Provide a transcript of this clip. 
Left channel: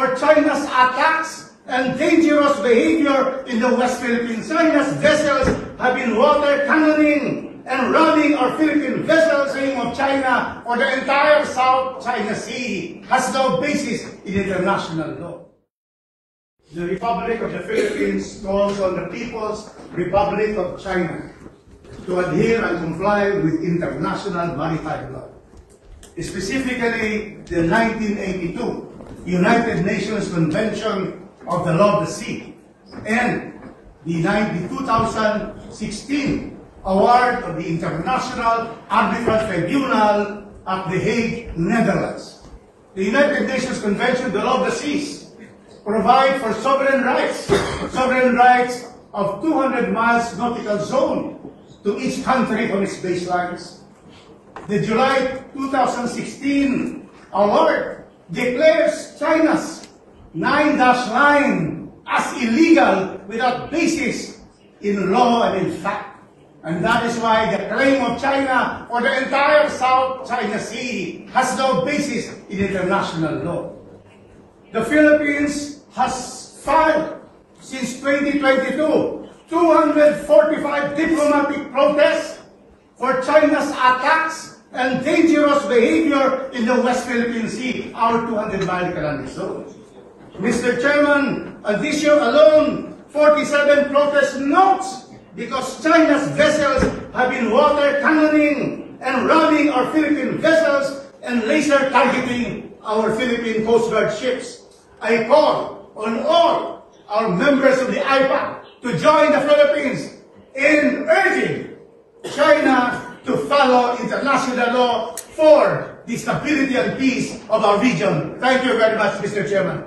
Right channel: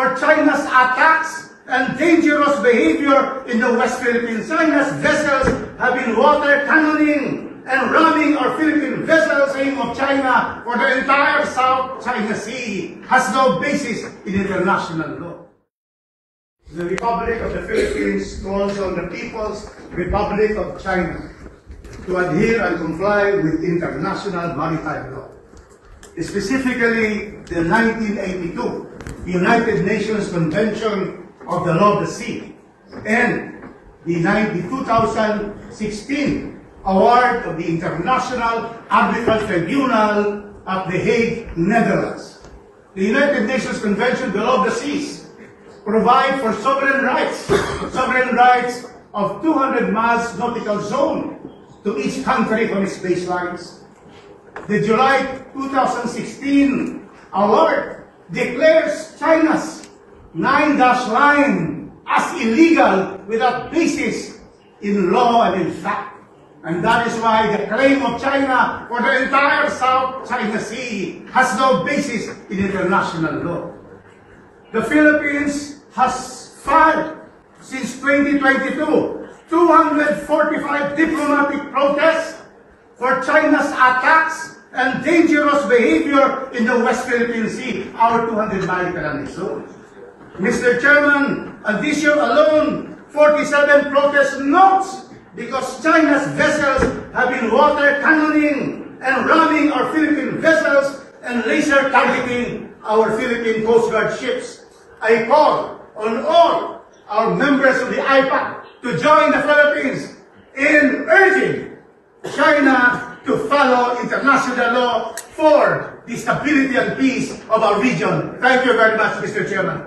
for China's attacks and dangerous behavior in the West Philippines. China's vessels have been water cannoning and ramming our Philippine vessels saying of China for the entire South China Sea has no basis in international law. The Republic of the Philippines calls on the People's Republic of China to adhere and comply with international maritime law. Specifically, the 1982 United Nations Convention of the Law of the Sea and the 2016 award of the International Arbitral Tribunal at The Hague, Netherlands. The United Nations Convention of the Law of the Seas provide for sovereign rights of 200 miles nautical zone to each country from its baselines. The July 2016 award declares China's 9-dash line as illegal without basis in law and in fact. And that is why the claim of China for the entire South China Sea has no basis in international law. The Philippines has filed since 2022 245 diplomatic protests for China's attacks and dangerous behavior in the West Philippine Sea, our 200-mile economic zone. Mr. Chairman, and this year alone, 47 protest notes because China's vessels have been water cannoning and ramming our Philippine vessels and laser targeting our Philippine Coast Guard ships. I call on all our members of the IPAC to join the Philippines in urging China to follow international law for the stability and peace of our region. Thank you very much, Mr. Chairman.